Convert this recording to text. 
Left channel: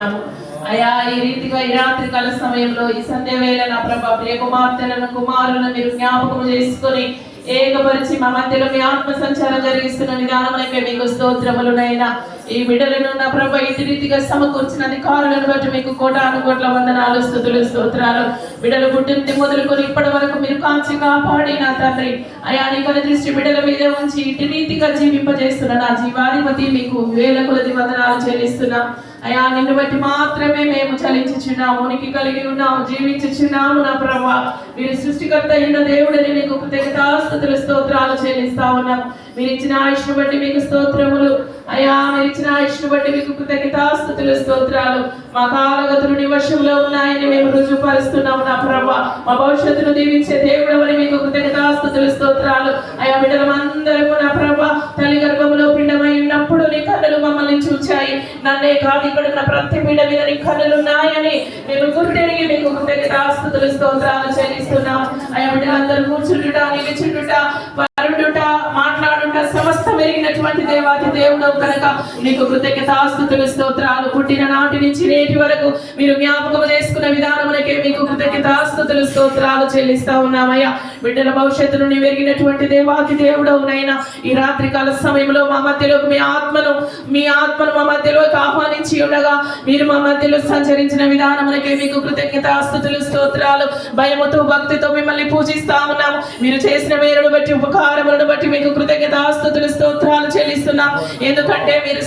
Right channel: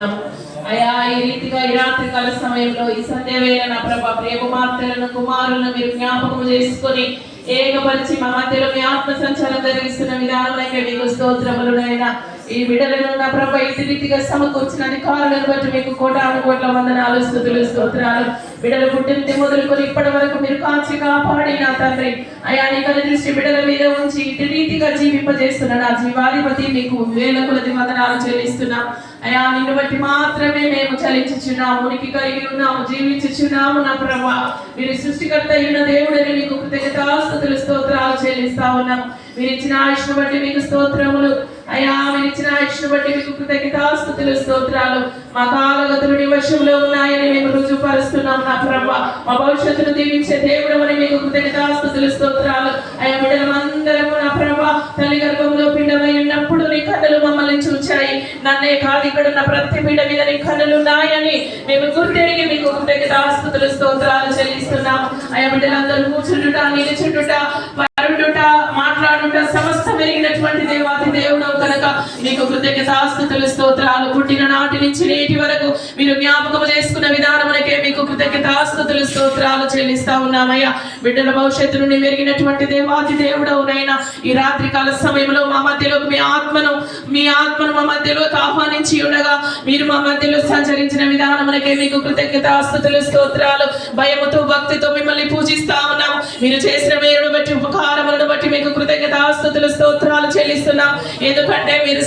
అయా ఈ రీతిగా ఈ రాత్రి కాల సమయంలో ఈ సంధ్య వేళ నా ప్రభా ప్రియ కుమార్తెలను కుమారులను మీరు జ్ఞాపకం చేసుకొని ఏకపరిచి మా మధ్యలో మీ ఆత్మ సంచారం జరిగిస్తున్న విధానములకే మీకు స్తోత్రములునైనా ఈ బిడ్డలను నా ప్రభా ఇటు రీతిగా సమకూర్చిన అధికారులను బట్టి మీకు కోటాను కోట్ల వందనాలు స్తుతులు స్తోత్రాలు. బిడ్డలు పుట్టింది మొదలుకొని ఇప్పటి వరకు మీరు కాచి కాపాడి నా తండ్రి అయా నీ కల దృష్టి బిడ్డల మీద ఉంచి ఇటు రీతిగా జీవింపజేస్తున్న నా జీవాధిపతి మీకు వేల కొలది వందనాలు చెల్లిస్తున్నా. అయా నిన్ను బట్టి మాత్రమే మేము చలించుచున్నాము, ఉనికి కలిగి ఉన్నాము, జీవించుచున్నాము నా ప్రభా. మీరు సృష్టికర్త అయిన దేవుడని మీకు కృతజ్ఞతాస్తుతులు స్తోత్రాలు చెల్లిస్తా ఉన్నాము. మీరు ఇచ్చిన ఆయుష్ను బట్టి మీకు స్తోత్రములు అయా, మీరు ఇచ్చిన ఆయుష్ను బట్టి మీకు కృతజ్ఞతాస్తుతులు స్తోత్రాలు. మా కాలగతులు నీ వశంలో ఉన్నాయని మేము రుజువుపరుస్తున్నాము నా ప్రభా. మా భవిష్యత్తును దీవించే దేవుడవని మీకు కృతజ్ఞతాస్తుతులు స్తోత్రాలు. అయా బిడ్డలమందరము నా ప్రభా తల్లి గర్భంలో పిండమై ఉన్నప్పుడు నీ కన్నులు మమ్మల్ని చూచాయి. నన్నే కాదు ఇక్కడ ఉన్న ప్రతి బిడ్డ మీద నీ కన్నులు ఉన్నాయని మేము గుర్తెరిగి మీకు కృతజ్ఞతాస్తుతులు స్తోత్రాలు చెల్లిస్తున్నాము. అయా బిడ్డలందరూ కూర్చుంటుట, నిలుచుంటుట, పరుడుట, మాట్లాడుట సమస్తం ఎరిగినటువంటి దేవాది దేవుడు కనుక మీకు కృతజ్ఞతాస్తుతులు స్తోత్రాలు. పుట్టిన నాటి నుంచి నేటి వరకు మీరు జ్ఞాపకం చేసుకున్న విధానములకే మీకు కృతజ్ఞతాస్తుతులు స్తోత్రాలు చెల్లిస్తా ఉన్నామయ్యా. బిడ్డల భవిష్యత్తును ఎరిగినటువంటి దేవాది దేవుడవునైనా ఈ రాత్రి కాల సమయంలో మా మధ్యలోకి మీ ఆత్మను మా మధ్యలోకి ఆహ్వానించి ఉండగా మీరు మా మధ్యలో సంచరించిన విధానమునకే మీకు కృతజ్ఞతాస్తుతులు స్తోత్రాలు. భయముతో భక్తితో మిమ్మల్ని పూజిస్తా ఉన్నాము. మీరు చేసిన మేలును బట్టి ఉపకారములను బట్టి మీకు కృతజ్ఞతాస్తుతులు స్తోత్రాలు చెల్లిస్తున్నాం. ఎందుకంటే మీరు